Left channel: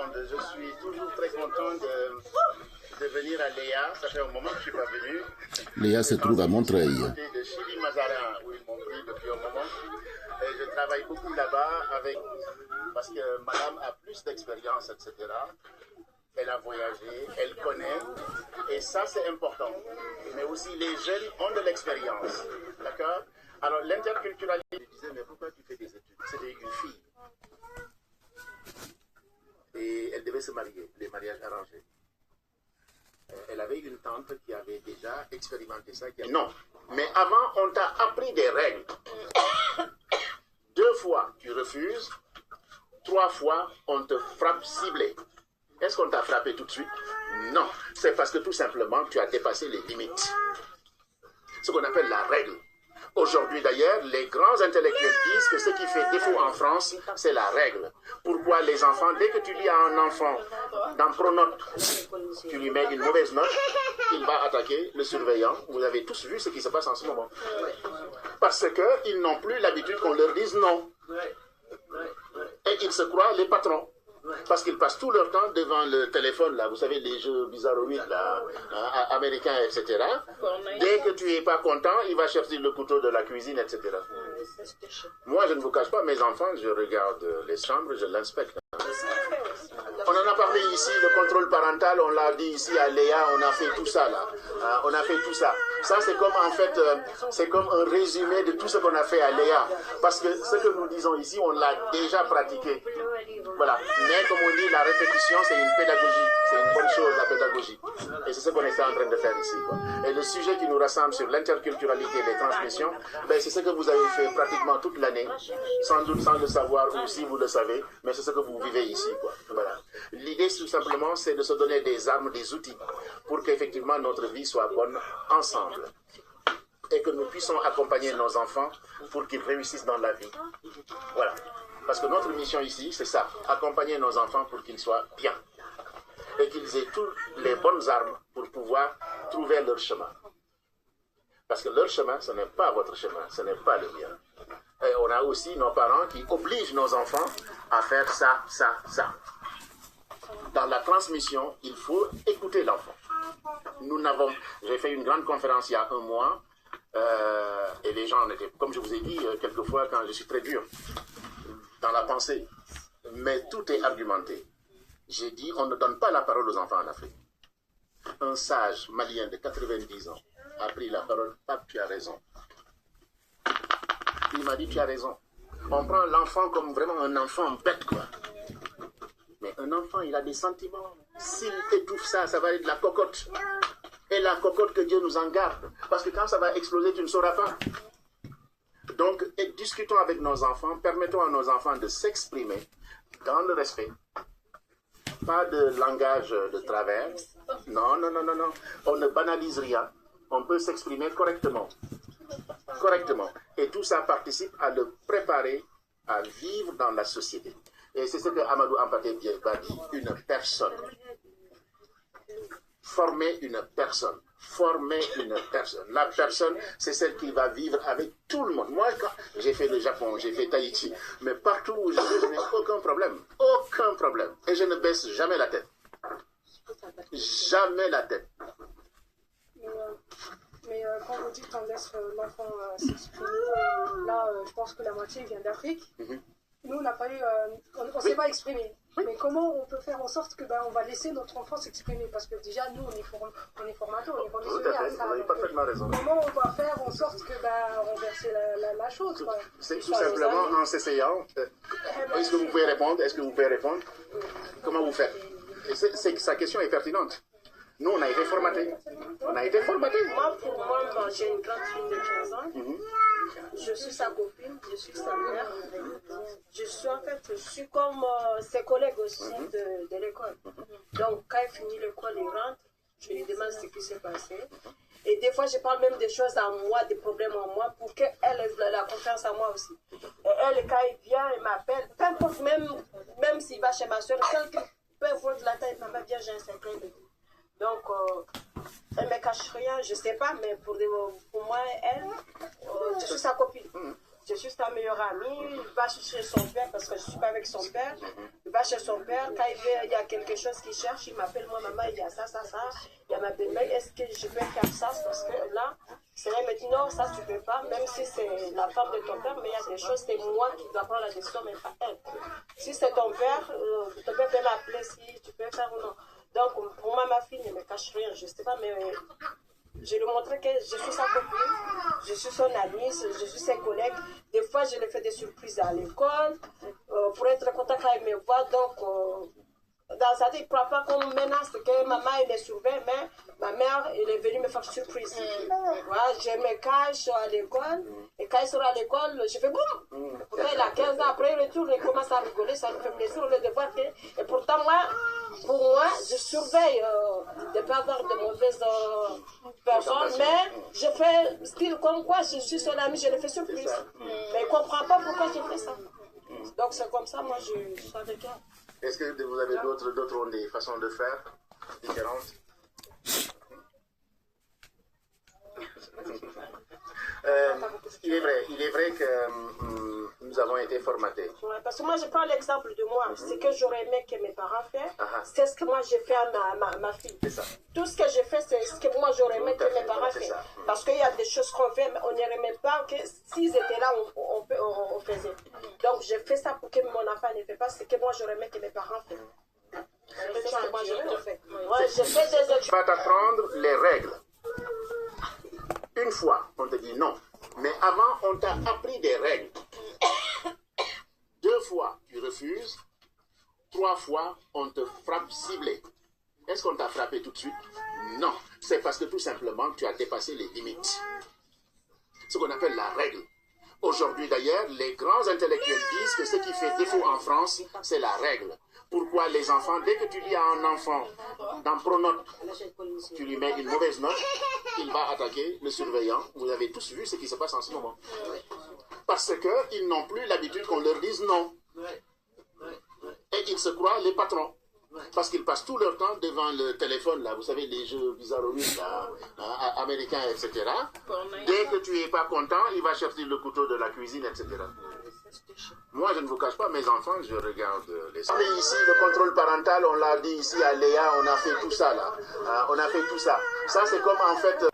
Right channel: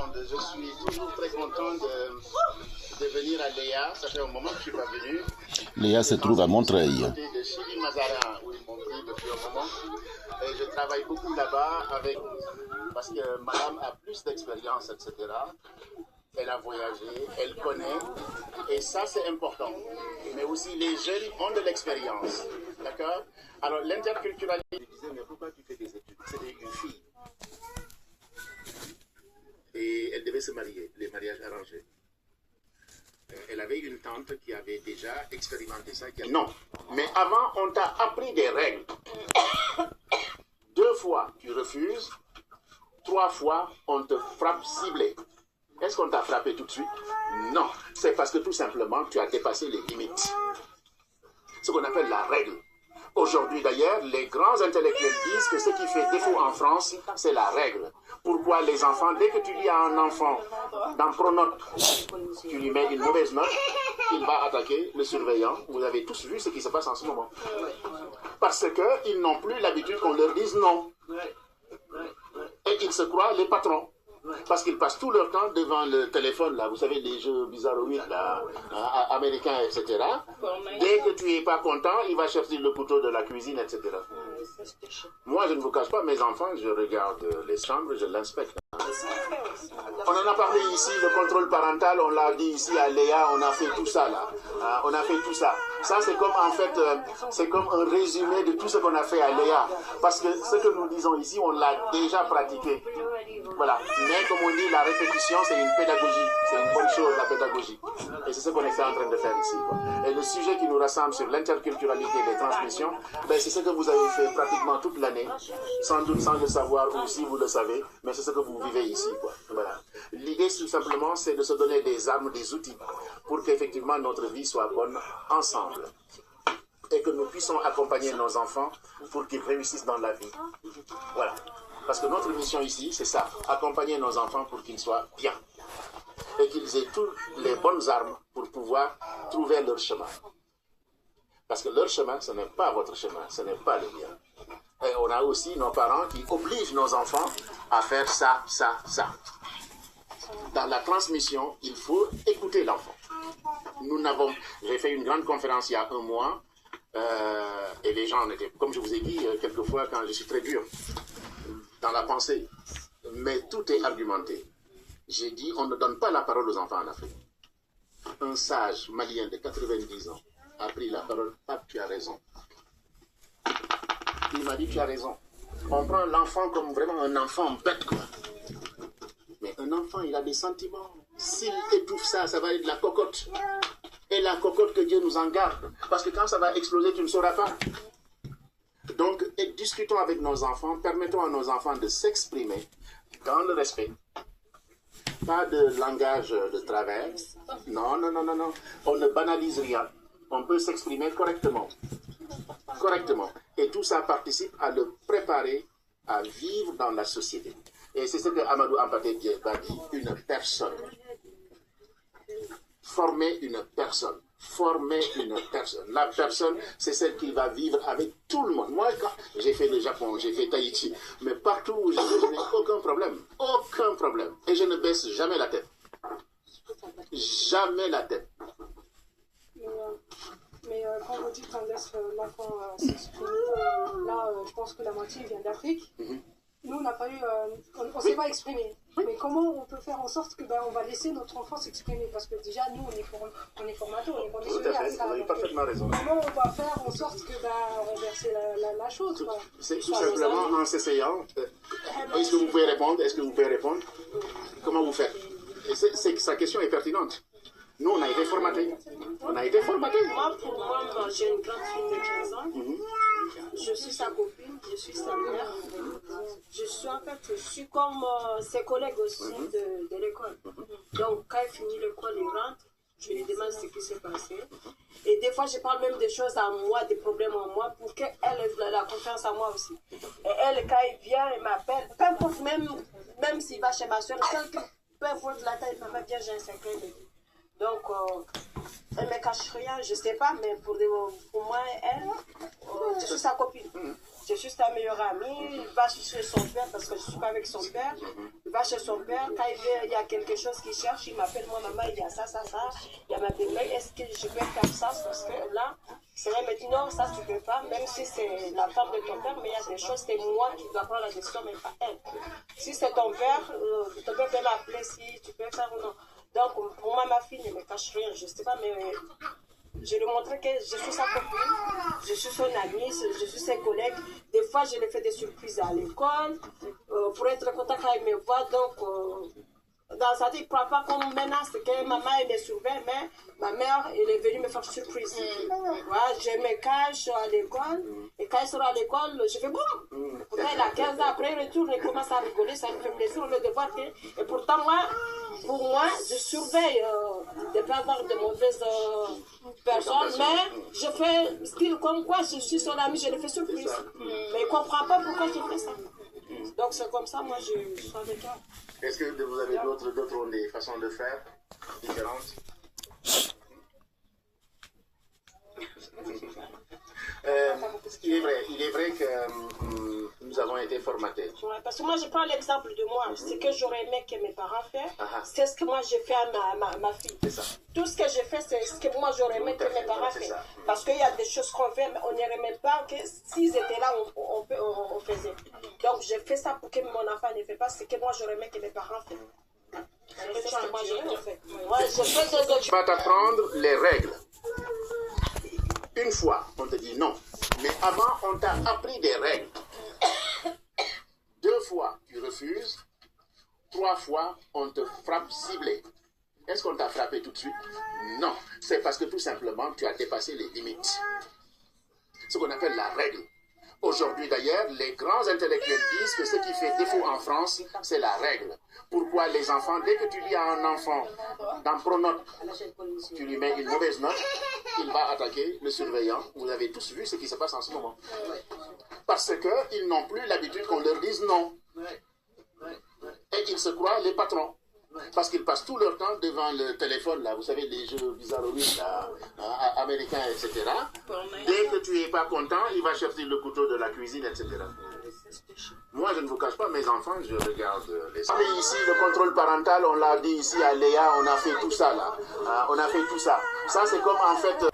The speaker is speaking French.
monde. Je suis toujours très content de venir à Léa. Ça fait un moment que je ne suis pas venu. Léa se trouve à Montreuil. À côté de Chili Mazarin, où ils m'ont pris depuis un moment. Et je travaille beaucoup là-bas parce que madame a plus d'expérience, etc. Elle a voyagé, elle connaît, et ça c'est important. Mais aussi les jeunes ont de l'expérience, d'accord? Alors l'interculturalité, je disais, mais pourquoi tu fais des études? C'était une fille. Et elle devait se marier, les mariages arrangés. Elle avait une tante qui avait déjà expérimenté ça. Non, mais avant on t'a appris des règles. 2 fois tu refuses, 3 fois on te frappe ciblé. Est-ce qu'on t'a frappé tout de suite? Non, c'est parce que tout simplement tu as dépassé les limites. Ce qu'on appelle la règle. Aujourd'hui d'ailleurs, les grands intellectuels disent que ce qui fait défaut en France, c'est la règle. Pourquoi les enfants, dès que tu dis à un enfant dans Pronote, tu lui mets une mauvaise note, il va attaquer le surveillant. Vous avez tous vu ce qui se passe en ce moment. Parce qu'ils n'ont plus l'habitude qu'on leur dise non. Et ils se croient les patrons. Parce qu'ils passent tout leur temps devant le téléphone, là, vous savez, les jeux bizarroïdes, là, américains, etc. Dès que tu n'es pas content, il va chercher le couteau de la cuisine, etc. Moi, je ne vous cache pas, mes enfants, je regarde les chambres, je l'inspecte. On en a parlé ici, le contrôle parental, on l'a dit ici à Léa, on a fait tout ça, là. On a fait tout ça. Ça, c'est comme, en fait, c'est comme un résumé de tout ce qu'on a fait à Léa. Parce que ce que nous disons ici, on l'a déjà pratiqué. Voilà. Mais comme on dit, la répétition, c'est une pédagogie. C'est une bonne chose, la pédagogie. Et c'est ce qu'on est en train de faire ici, quoi. Et le sujet qui nous rassemble sur l'interculturalité et les transmissions, ben, c'est ce que vous avez fait pratiquement toute l'année. Sans doute sans le savoir, ou si vous le savez, mais c'est ce que vous vivez ici, quoi. Voilà. L'idée, tout simplement, c'est de se donner des armes, des outils, pour qu'effectivement notre vie soit bonne ensemble. Et que nous puissions accompagner nos enfants pour qu'ils réussissent dans la vie. Voilà. Parce que notre mission ici, c'est ça, accompagner nos enfants pour qu'ils soient bien. Et qu'ils aient toutes les bonnes armes pour pouvoir trouver leur chemin. Parce que leur chemin, ce n'est pas votre chemin, ce n'est pas le mien. Et on a aussi nos parents qui obligent nos enfants à faire ça, ça, ça. Dans la transmission, il faut écouter l'enfant. J'ai fait une grande conférence il y a un mois, et les gens étaient, comme je vous ai dit, quelquefois quand je suis très dur dans la pensée, mais tout est argumenté. J'ai dit, on ne donne pas la parole aux enfants en Afrique. Un sage malien de 90 ans a pris la parole, Pape, tu as raison. Il m'a dit, tu as raison. On prend l'enfant comme vraiment un enfant bête, quoi. Mais un enfant, il a des sentiments. S'il étouffe ça, ça va être de la cocotte. Et la cocotte, que Dieu nous en garde. Parce que quand ça va exploser, tu ne sauras pas. Donc, discutons avec nos enfants, permettons à nos enfants de s'exprimer dans le respect. Pas de langage de travers. Non, non, non, non, non. On ne banalise rien. On peut s'exprimer correctement. Correctement. Et tout ça participe à le préparer à vivre dans la société. Et c'est ce que Amadou Hampâté Bâ dit, une personne. Former une personne. Former une personne. La personne, c'est celle qui va vivre avec tout le monde. Moi, quand j'ai fait le Japon, j'ai fait Tahiti, mais partout où je vais, je n'ai aucun problème. Aucun problème. Et je ne baisse jamais la tête. Jamais la tête. Mais quand vous dites qu'on laisse l'enfant s'exprimer, là, je pense que la moitié vient d'Afrique. Nous, on n'a pas eu, on ne s'est pas exprimé. Mais comment on peut faire en sorte que on va laisser notre enfant s'exprimer? Parce que déjà, nous, on est formateurs, on est conditionnés à ça. Vous avez parfaitement raison. Comment on va faire en sorte que renverser la chose, quoi? C'est tout simplement en s'essayant. Est-ce que vous pouvez répondre? Est-ce que vous pouvez répondre? Comment vous faites? Sa question est pertinente. Nous, on a été formatés. On a été formatés. Moi, pour moi, j'ai une grande fille de 15 ans. Je suis sa copine, je suis sa mère. Je suis comme ses collègues aussi de l'école. Donc, quand elle finit l'école, elle rentre, je lui demande ce qui s'est passé. Et des fois, je parle même des choses à moi, des problèmes en moi, pour qu'elle ait la confiance en moi aussi. Et elle, quand elle vient, elle m'appelle, peu importe, même s'il va chez ma soeur, peu importe la taille, elle me dit, j'ai un secret de vie. Donc, elle ne me cache rien, je ne sais pas, mais pour moi, elle, je suis sa copine. je suis sa meilleure amie, il va chez son père parce que je ne suis pas avec son père. Il va chez son père, quand il y a quelque chose qu'il cherche, il m'appelle, moi, maman, il y a ça. Il y a ma belle-mère, est-ce que je peux faire ça? Parce que là, c'est vrai, mais dit non, ça tu ne peux pas, même si c'est la femme de ton père, mais il y a des choses, c'est moi qui dois prendre la décision, mais pas elle. Si c'est ton père peut m'appeler si tu peux faire ou non. Donc, pour moi, ma fille ne me cache rien, je ne sais pas, mais je lui montrais que je suis sa copine, je suis son amie, je suis ses collègues. Des fois, je lui fais des surprises à l'école pour être content quand il me voit. Donc, dans sa tête, il ne prend pas comme menace que maman elle me surveille, mais ma mère elle est venue me faire surprise. Voilà, je me cache à l'école et quand il sera à l'école, je fais boum. Pourtant, il a 15 ans, après il retourne, il commence à rigoler, ça me fait plaisir au lieu de voir que. Et pourtant, pour moi, je surveille de ne pas avoir de mauvaises personnes, mais je fais style comme quoi je suis son ami, je le fais surprise. Mais il ne comprend pas pourquoi je fais ça. Donc c'est comme ça, moi je suis avec elle. Est-ce que vous avez d'autres ont des façons de faire différentes? Il est vrai que nous avons été formatés. Ouais, parce que moi, je prends l'exemple de moi. Ce que j'aurais aimé que mes parents fassent, c'est ce que moi j'ai fait à ma fille. C'est ça. Tout ce que j'ai fait, c'est ce que moi j'aurais aimé que mes parents fassent. Parce qu'il y a des choses qu'on fait, mais on n'irait même pas que s'ils étaient là, on faisait. Donc, j'ai fait ça pour que mon enfant ne fait pas ce que moi j'aurais aimé que mes parents fassent. C'est ce que moi j'aurais fait. Tu vas t'apprendre les règles. Une fois, on te dit non. Mais avant, on t'a appris des règles. 2 fois, tu refuses. 3 fois, on te frappe ciblé. Est-ce qu'on t'a frappé tout de suite? Non. C'est parce que tout simplement, tu as dépassé les limites. Ce qu'on appelle la règle. Aujourd'hui d'ailleurs, les grands intellectuels disent que ce qui fait défaut en France, c'est la règle. Pourquoi les enfants, dès que tu dis à un enfant, dans Pronote, tu lui mets une mauvaise note, il va attaquer le surveillant. Vous avez tous vu ce qui se passe en ce moment. Parce qu'ils n'ont plus l'habitude qu'on leur dise non. Et ils se croient les patrons. Parce qu'ils passent tout leur temps devant le téléphone, là, vous savez, les jeux bizarroïdes, là, américains, etc. Dès que tu n'es pas content, il va chercher le couteau de la cuisine, etc. Moi, je ne vous cache pas, mes enfants, je regarde les... Ici, le contrôle parental, on l'a dit ici à Léa, on a fait tout ça, là. On a fait tout ça. Ça, c'est comme, en fait...